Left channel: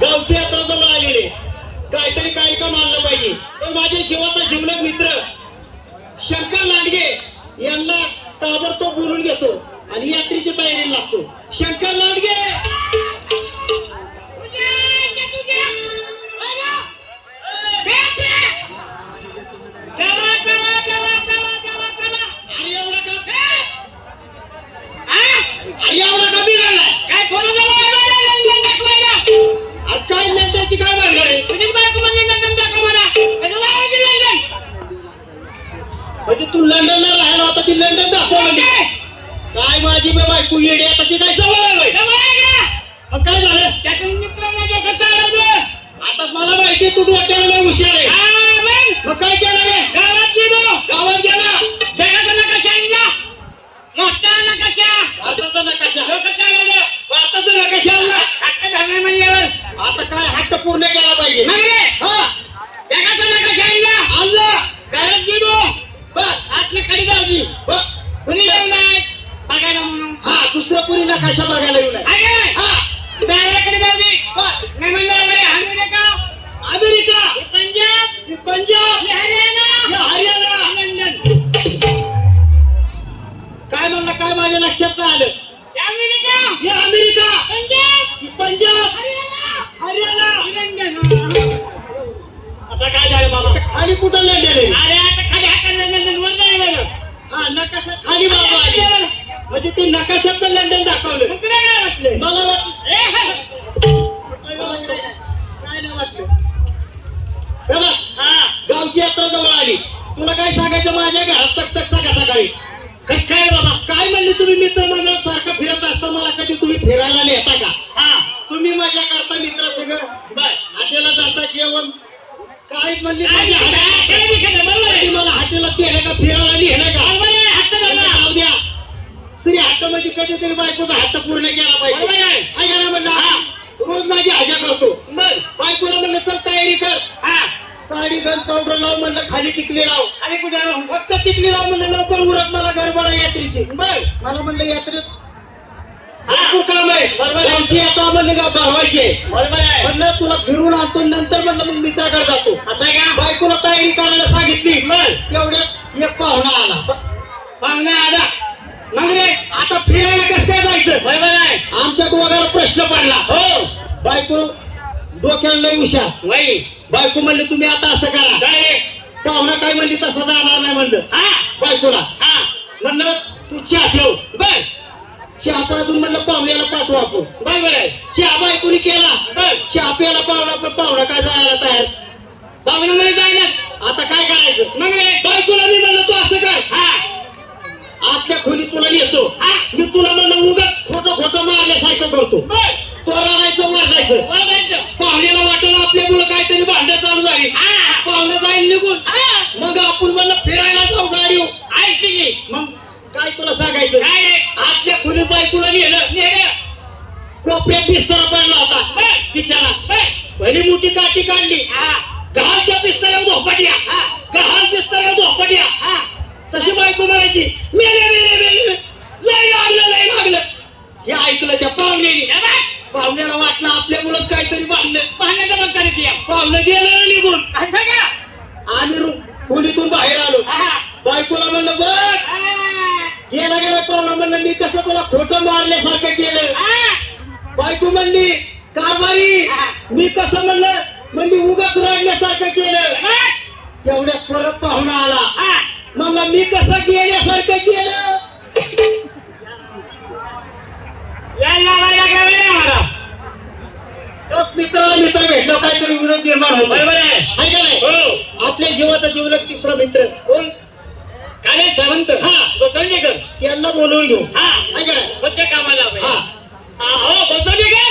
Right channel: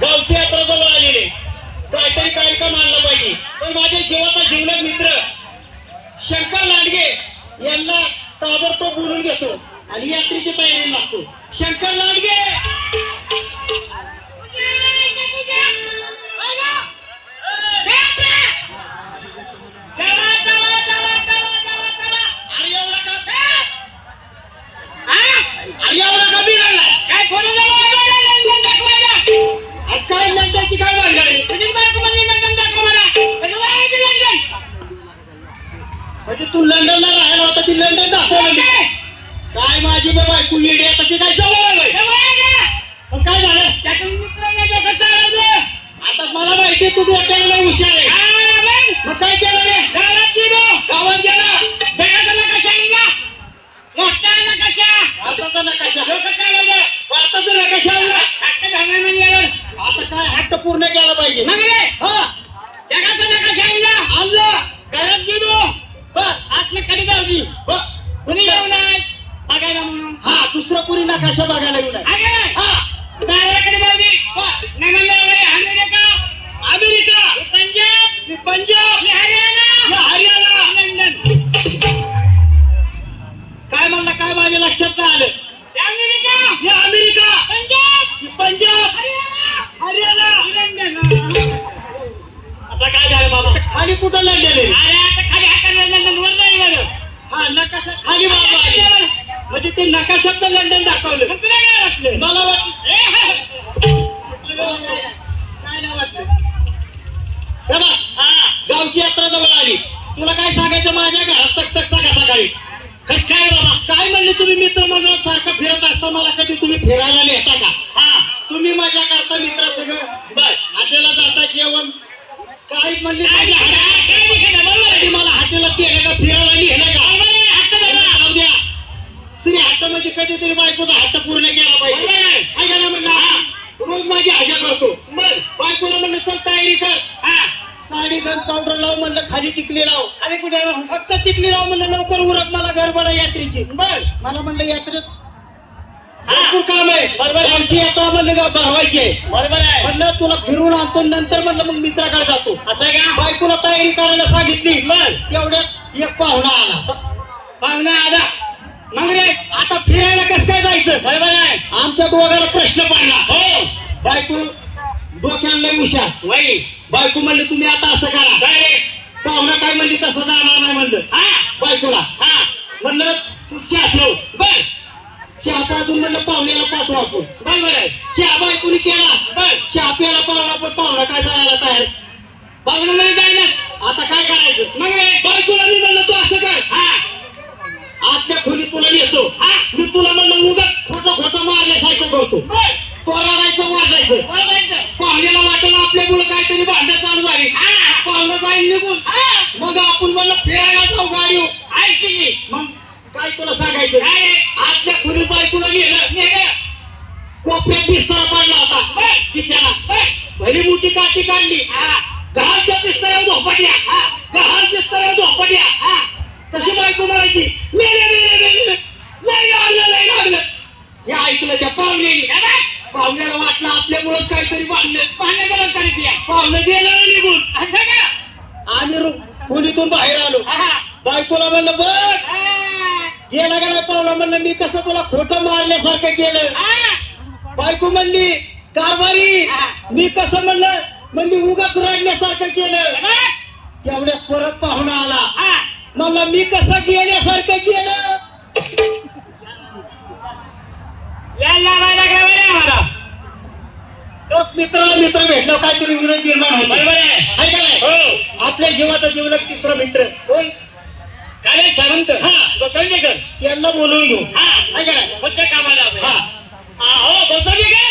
गावची यात्रा जवळ आलेली, काहीतरी कार्यक्रम आणला पाहिजे. पण माझ्या जीवाचा जीवलग मित्र शंकर लांडगे यांना ताबडतोब बोलून घेतो आणि यात्रेची तयारी लागतो. शंकर लांडगे एवढा का बिघडलाय? काय फोन काय लंडनची काय भानगड म्हणजे तू लंडनला राहायला होता ती लंडन दाखव काय माझी बायको येडे आता ती काय जवळ पण काय झालं त्यातून मित्रांना डोकं चालवलं. आता मला माहिती तू डोक्याला हुशार आहे. मग काय केलं? गावात गेला जगाचा नकाशा आणला, मोठा नकाशा, भारताचा नकाशा, डोकं चालवलं, भारताचा नकाशा आणला. हट्ट धरला म्हणजे आता काय हट्ट पूर्ण केला पाहिजे. हा जगाचा नकाशा आणला, घरात गेलो आतलं कडी गावली कुणी येऊ नाही बघायला म्हणून. हा दुसरं कुणी नकाशा बघायला येऊ नाही. हा कडी गावली नाही म्हणलं अमेरिका, पंजाब, हरियाणा, लंडन. काय म्हणलं काय माझ्या लक्षात नाही आलं. America, Punjab, Haryana, London. आता काय झालं बाबा? खाली कुठं लंडन आहे? अरे आता खाली हाताला लंडन वर नाही बघ. हा नकाशा खाली बाबा आली म्हणजे ते नकाशात लंडन दाखवलं. तुला काय वाटलं? मला वाटलं काय नाही वाटलं. गावची यात्रा जवळ आली, तुला काय सांगायचं? माझ्या घरात तक सकाळी कस काय बाबा? काय म्हणले तुम्ही मित्र मंडळ सारखं फिरत असता मला कधी तुम्ही फिरायला नेता का? हा तुम्ही माझ्या करता मित्र सगळं बर हॉटेलला जाता जेवण काय म्हणले मला हॉटेलला नेलं का फिरायला नेलं का? जाऊ द्या श्री हट्ट म्हणजे कधीतरी बायकोचा हट्ट पूर्ण केला पाहिजे. काय करा म्हणलं रोज माझी हजा करतो. बायकोला म्हणलं चल तयारी कर, साडी गन पावडर लाव म्हणलं, खाली टिकली लाव. खाली कुठे? फक्त टिकली लाव म्हणलं, लवकर उरक मला गडबड यात्रेची. मला म्हणलं यात्रेत भरपूर काम आहे. आमची यात्रा म्हणलं का भरवायची. म्हणलं तुला फिरून आणतो नंतर म्हणलं मग मित्राकडे जातो. बायकोला तयारी करायला सांगितली. तेवढ्यात एक पाहुणा आला. मग आता फिरायला कसं काय जायचं? बरोबर आहे. आमच्या दोघांना प्रश्न पडला. हो बायको डोक्याला लई हुशार. बायको म्हणली तुम्ही आता असं करा. पाहुणा काय म्हणली तसं जाणार नाही म्हणलं. बायकोला म्हणलं तू चहा ठेव. चहा पाजून म्हणलं पाहुण्याला पाठवू आपण. बरोबर आहे. चहा बायकोनी केला. चहा प्यायला पाहुणा पण पाहुणा काय जायला तयार. पाहुणा म्हणजे जायला आता काय करायचं? मग बायकोला मी म्हणलं तू असं कर, आजच्या खोली तुला येतो. मी तुला म्हणलं उगाच खोटं मारल्यासारखं करतो. तो रडायचं वाटायचं. पाहुण्याला वाटलं आपल्या मुलं काहीतरी भांडण चालू झाली. पाहुणं जाईल निघून. मग आपण म्हणलं फिरायला जाऊ गाडी. मग काय तुला सांगायचं? आजच्या खोली बायकोला नेलं. कोपऱ्यात बिस्तारा पडला होता बिचारा. भली मोठी काठी काढली. गहाळच्या बिस्ताऱ्यावर झोपट्या, गहाळ बिस्ताऱ्यावर झोपट्या. तशी बायको म्हणायची मेले लय लागलं. हे ऐकलं त्या पाहुण्याला वाटलं आपल्यामुळेच काहीतरी पाहुण्याचं पाहुणं गेलं निघून. असं का? आम्ही खोलीतून बाहेर आलो. बायकोला म्हणलं बघ गेला गेला पाहुणा म्हणलं मी कसं तुला खोटं मारल्यासारखं केलं. बायको म्हणली कारभारी मी कसं म्हणली उगाच रडल्यासारखं केलं. तेवढ्यात परत पाहुणा आला. म्हणलं मी कसं गेल्यासारखं केलं. मित्राला मित्र भेटला काहीतरी विरोध निर्माण होतो. बरोबर आहे का नाही? आपल्या जीवाचा जीवलग तिसरा मित्र कोण? काय सावंत. संजयकर यांना बोलवून घेऊ. कोणत्या कामाला? हो बसवले का?